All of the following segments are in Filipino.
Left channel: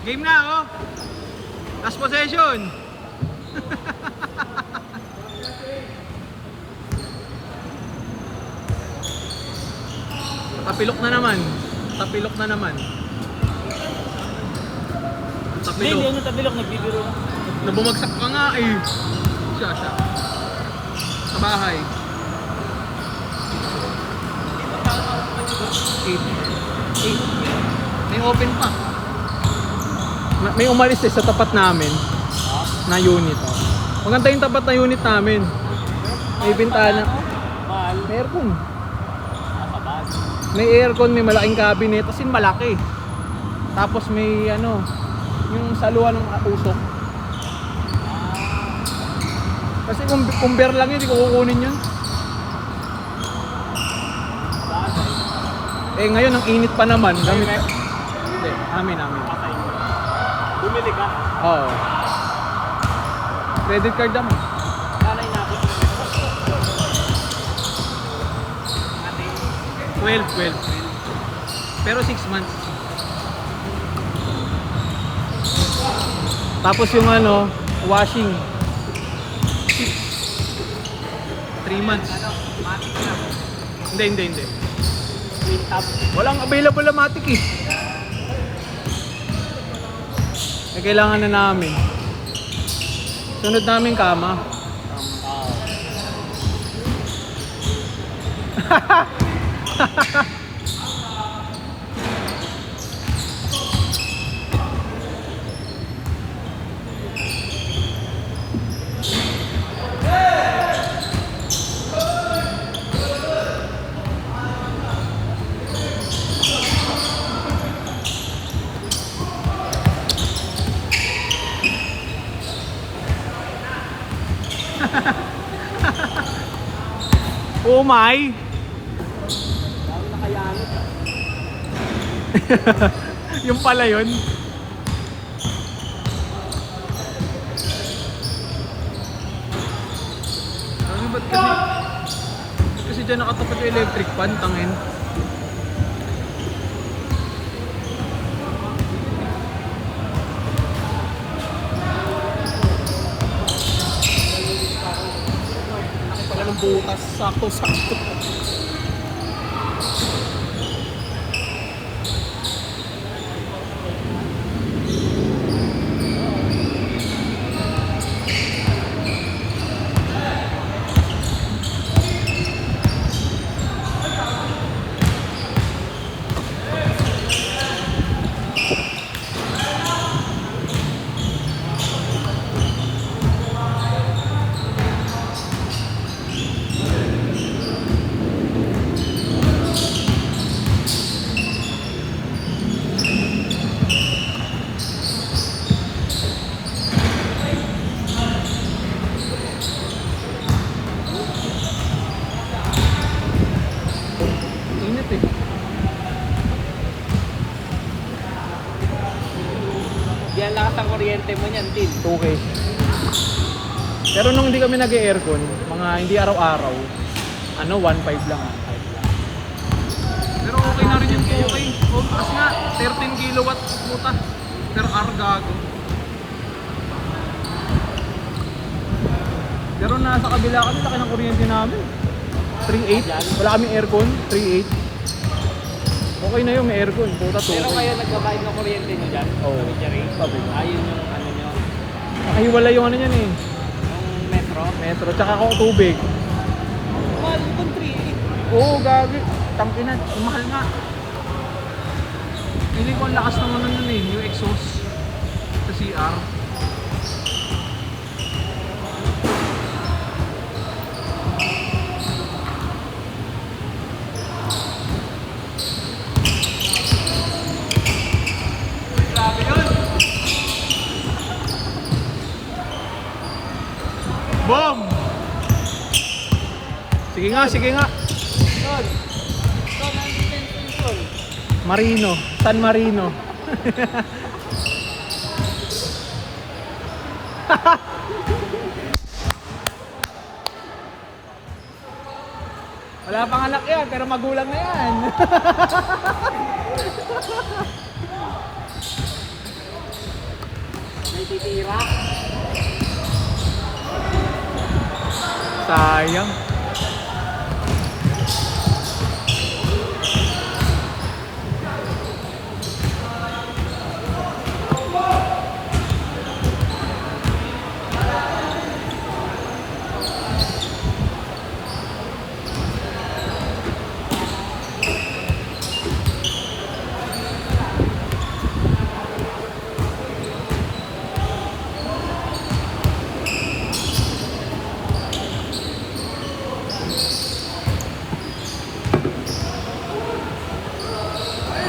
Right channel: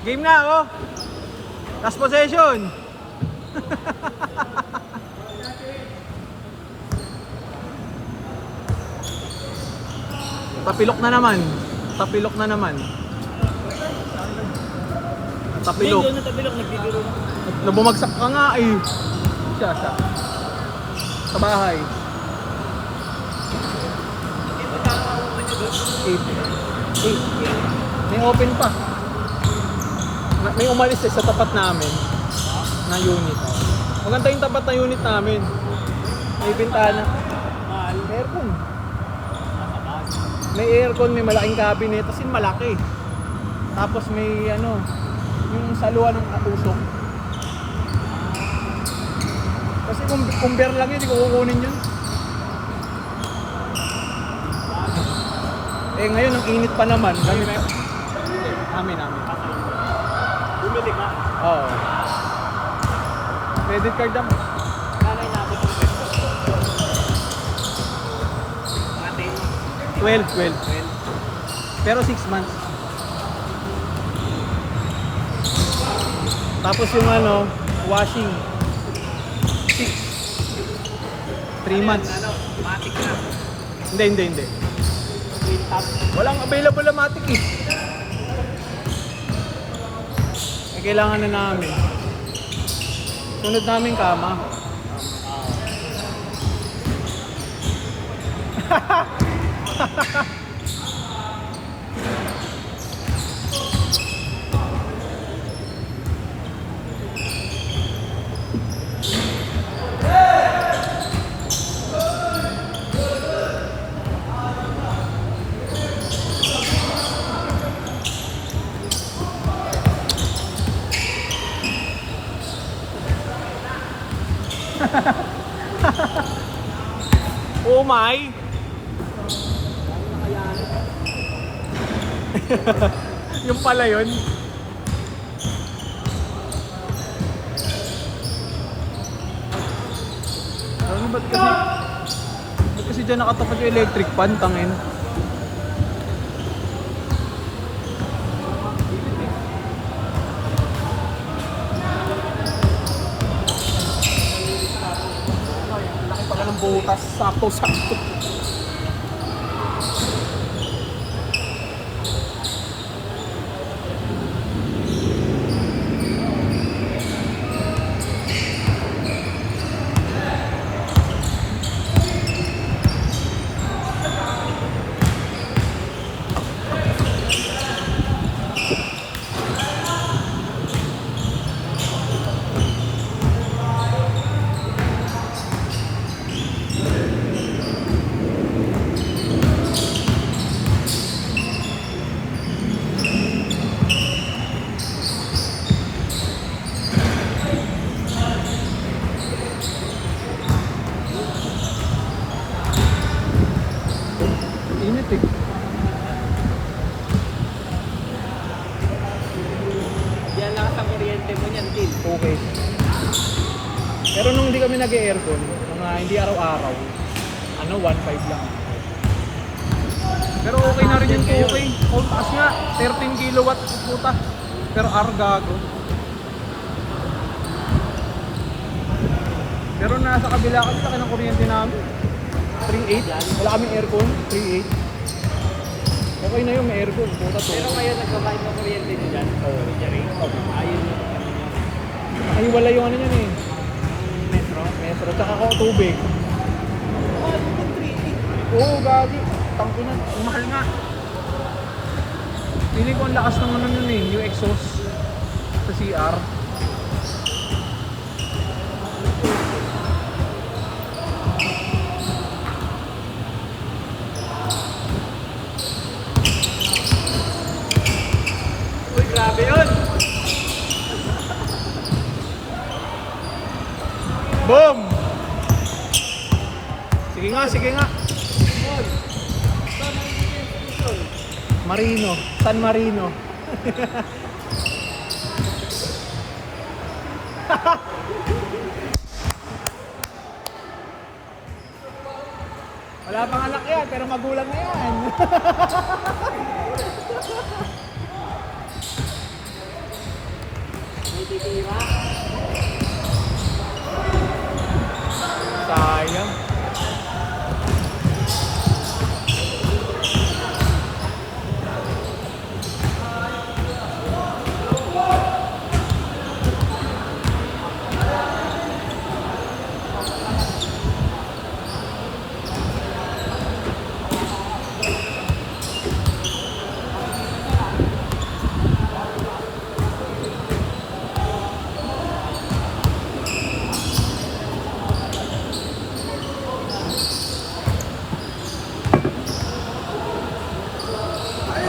Game na oh. Last possession. Tapilok na naman. Tapilok na naman. Tapilok. Hindi, tapilok. Nagbibiro. Nabumagsak ka nga eh. Siya. Sa bahay. 8. May open pa. May umalis sa tapat namin na unit. Maganda yung tapat na unit namin. May bintana. May aircon. May aircon, may malaking cabinet. As in malaki. Tapos may yung saluhan ng katusok. Kasi kung bear lang yun, hindi ko kukunin yun. Eh ngayon, ang init pa naman. Amin. Bumili ka? Oo. Credit card naman. Nanay natin. 12. Pero 6 months. Tapos yung washing. 3 months. Matik na. Hindi. Walang available na matik eh. Eh, kailangan na namin. Sunod namin kama. Oh my! Yung pala yun. Ba't kasi dyan nakatapat yung electric fan, tangin? Laki pala ng butas, sakto-sakto. Yan lakas ang kuryente mo niyan, Tin. Okay. Pero nung hindi kami nag-aircon, mga hindi araw-araw, 1.5 lang. Pero okay na rin yung 2K. Oh, taas nga, 13 kilowatt puta. Per hour gago. Pero nasa kabila kami, laki ng kuryente namin. 3.8, wala kaming aircon, 3.8. Okay na yung may aircon, puta 2K. Pero kayo nagbabayad ng kuryente nyo dyan? Oo. Jerry? Sabi. Ayun yung ano nyo. Nakahiwala yung niyan eh. Yung metro? Metro, tsaka tubig. Yung 3.8. Oo, gabi. Tangkinan, ang mahal nga. Pili ko ang lakas ng nun yung exhaust sa CR. Uy, grabe yun! Boom! Sige nga. Marino, San Marino. Wala pang anak yan, pero magulang na yan. May titira. Sayang.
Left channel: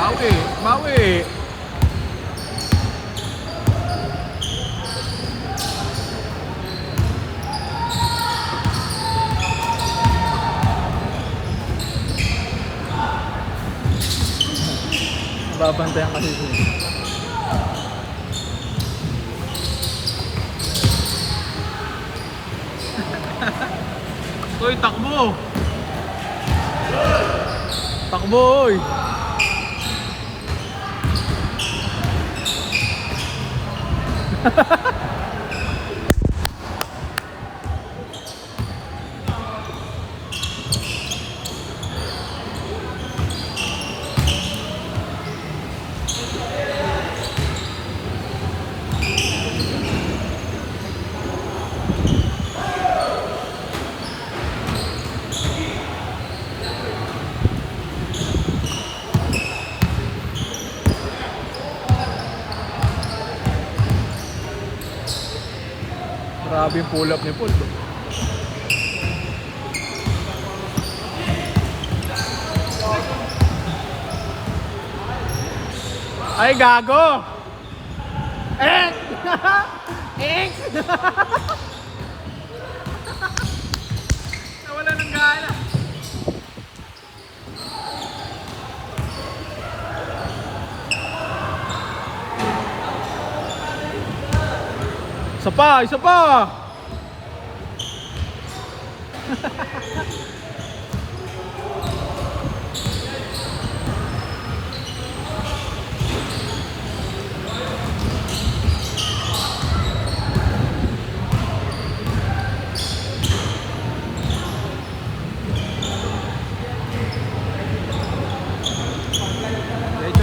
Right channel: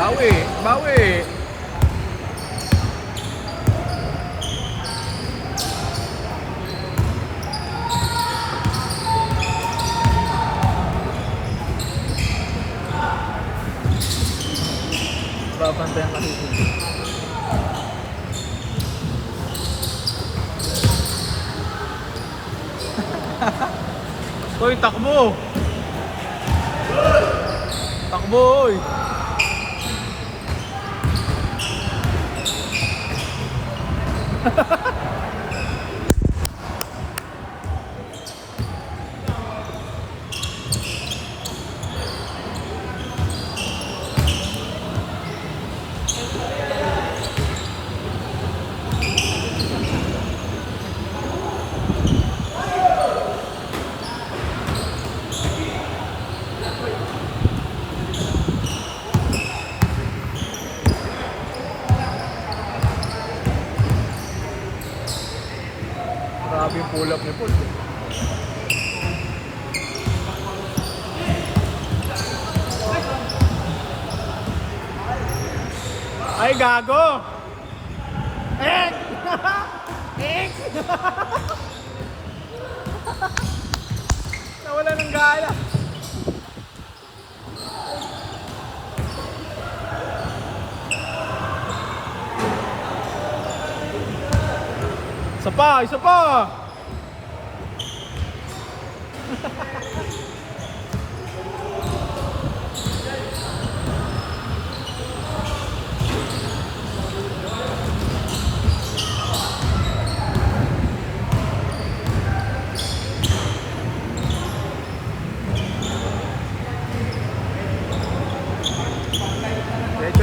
Bawi, bawi. Babantayan kasi siya. Hoy, takbo! Takbo, oy! Grabe yung pull up ni Paul. Ay, gago! Ek! Ek! Nawala ng gala. Isa pa, isa pa!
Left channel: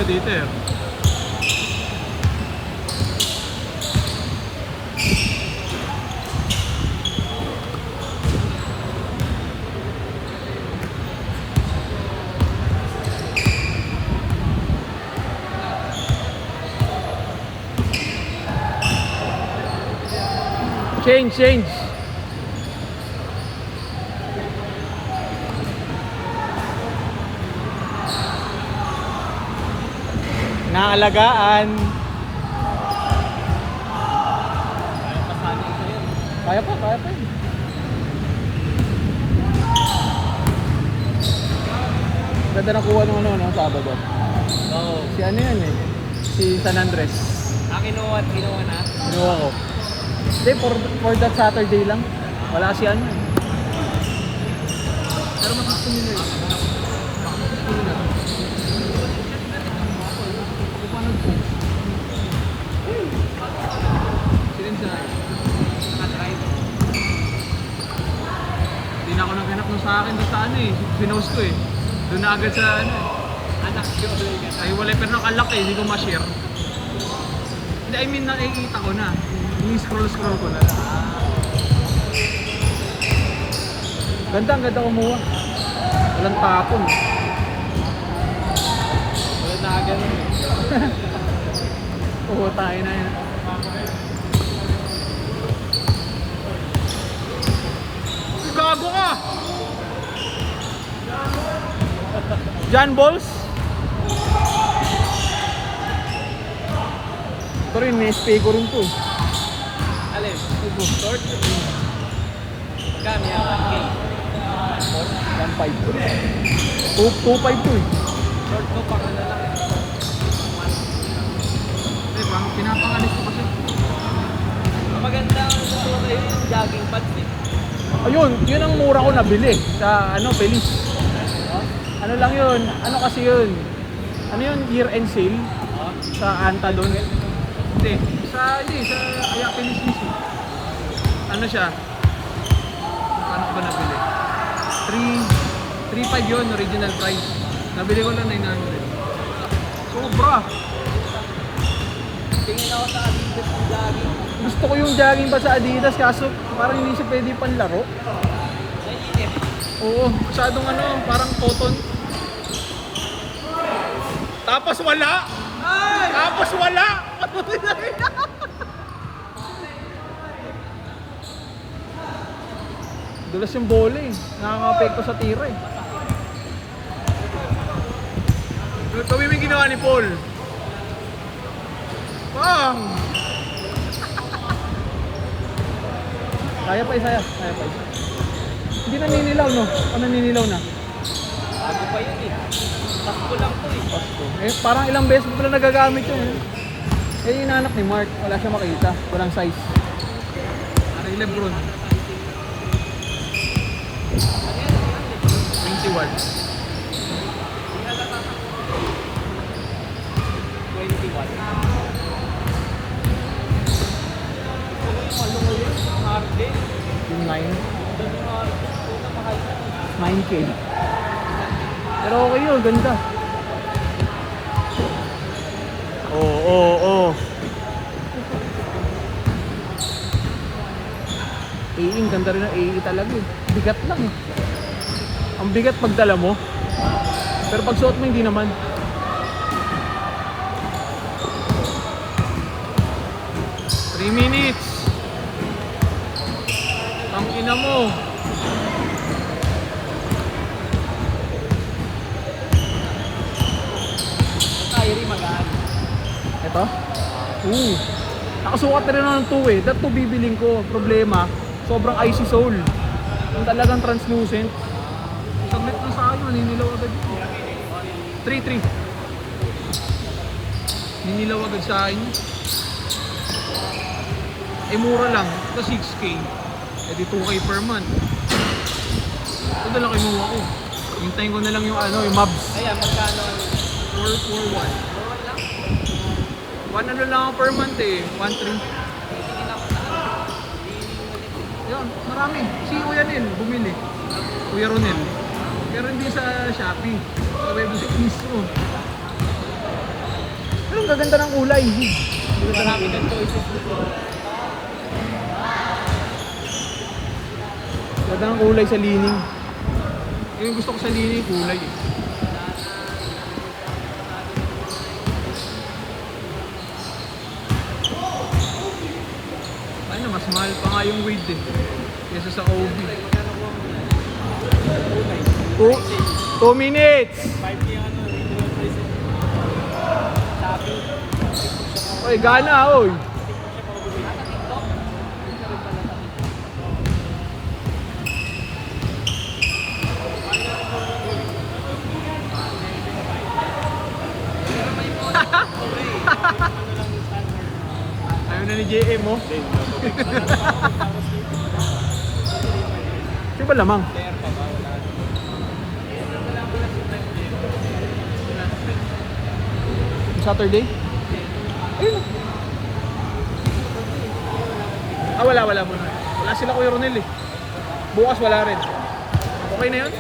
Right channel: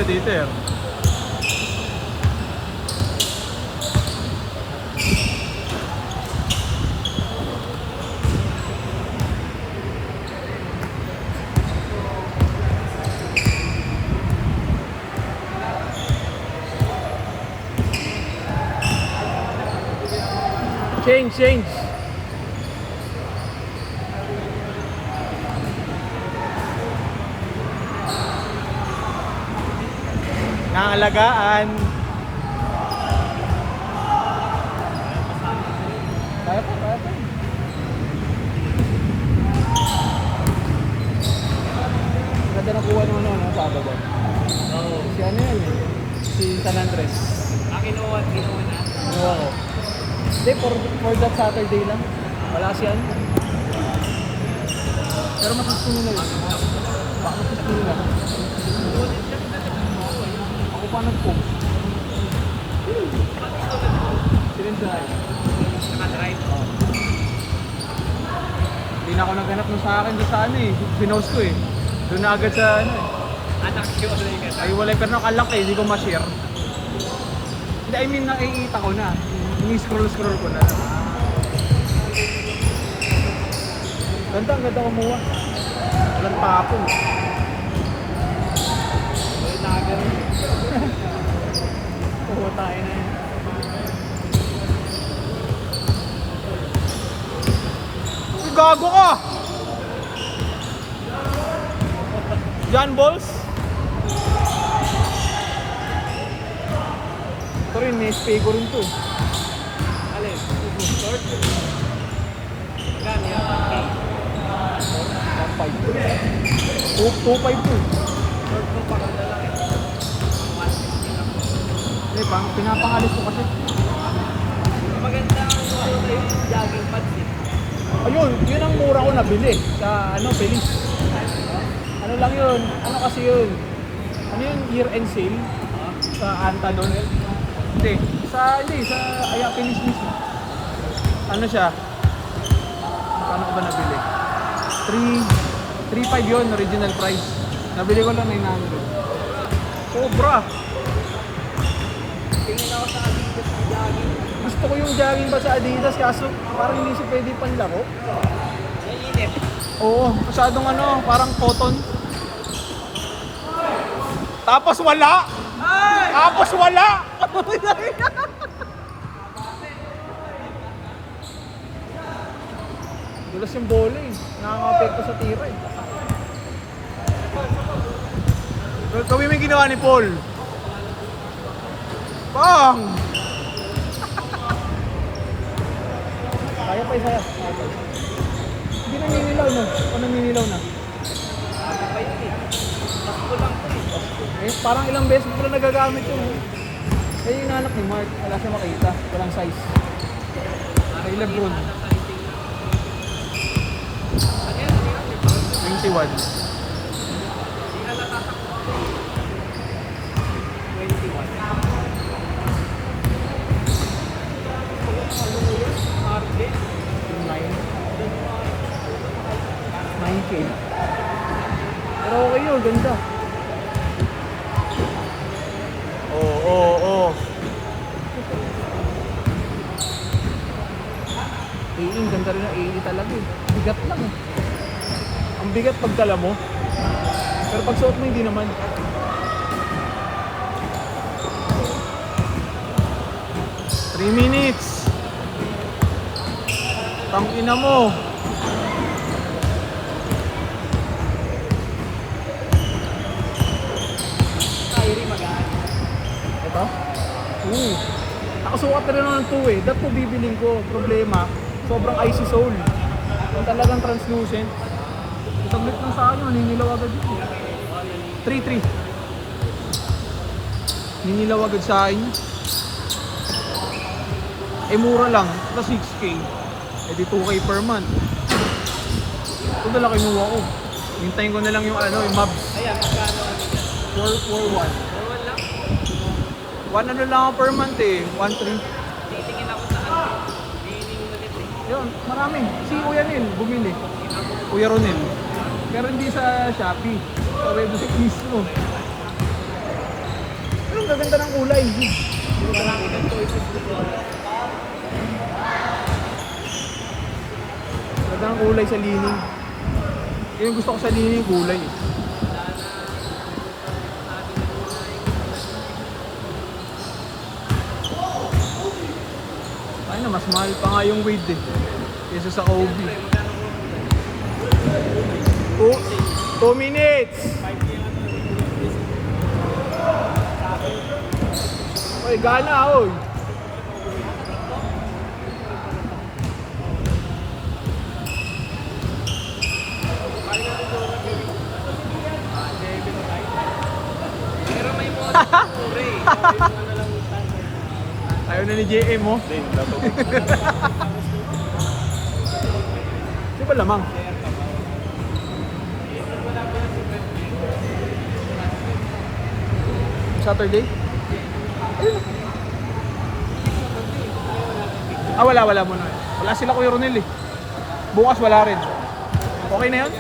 Dito eh. Change. Naalagaan. Kaya pa. Ganda na kuha naman naman sa Sabado. Oo. Si ano yan eh? Si San Andres. Kinuha na. Kinuha ko. Hindi, for that Saturday lang. Wala si ano. Pero masusto nyo na yun. Masusto nyo na. Ako pa nag-cook. Sinenday. Naka-drive. Hindi na ako naghanap ng sa akin doon sa ano eh. Pinost ko eh. Doon na agad sa ano eh. Anak yun. Ay wala, pero nakalak eh. Hindi ko ma-share. Hindi, I mean nakikita ko na. Ni-scroll ko na. Ang ganda kumuha. Walang tapon. Wala na agad. Oo, tayo na yan. Gago ka! John Balls? Ito rin, may spego rin to. Alin? Short? Kami yan. 1.5 to. 2.5 to eh. Short ko pa rin na lang. Eh, pinapangalis ko kasi. Maganda ang kayo yung jogging pads eh. Ayun, yun ang mura ko nabili sa ano, Belis. Ano lang yun? Ano kasi yun? Ano yun? Year-end sale sa Anta doon. Hindi, Sa Ayapinis mismo. Ano siya? Paano ko ba nabili? 3.5 yun, original price. Nabili ko lang 900. Sobra! Tingin ako sa Adidas ng jogging. Gusto ko yung jogging ba sa Adidas kaso parang hindi siya pwede panlaro. Oo, masyadong parang cotton. Tapos wala! Ay! Tapos wala! Dulas yung bola eh. Nakaka-apekto sa tira eh. Ito yung may ginawa ni Paul. Bang! Kaya pa isa. Hindi naninilaw no? O naninilaw na? Ano ba yun eh? Takbo lang po eh. Eh, parang ilang beses ko pala nagagamit yun eh. Eh, yung inanak ni Mark, wala siya makita. Walang size. Kay Lebron. 21. 9K. Pero okay yun, ganda. Oo. AE, ganda rin ng AE talaga eh. Bigat lang eh. Ang bigat pag dala mo. Pero pag suot mo, hindi naman. Three minutes. Ang ina mo. Kyrie magaan. Ito? Nakasukat na rin ng 2 eh. That 2 bibiling ko. Problema, sobrang icy sole. Ang talagang translucent. Saglit lang sa akin, naninilaw agad yun. 3-3. Ninilaw agad sa akin. Eh mura lang. Ito 6K. Eh di 2K per month. Ito dala kinuha ko. Hintayin ko na lang yung yung mobs. Ayan, magkano? 441. 1 lang ako per month eh. 1.3. Titingin ako sa ano. Yun, marami. Si Kuya Nil, bumili. Kuya Ronel. Pero hindi sa Shopee. Sa website mismo. Ayun, gaganda ng kulay. Marami ng choices dito. Ganda ng kulay sa lining. Yung gusto ko sa lining, kulay. Ay na, mas mahal pa nga yung weight eh. Kesa sa Kobe. 2 minutes! Oy, gana oy! Ayaw na ni JM mo? Di ba lamang? Saturday? Ayun. Wala muna. Wala sila Kuya Ronel eh. Bukas wala rin. Okay na yan?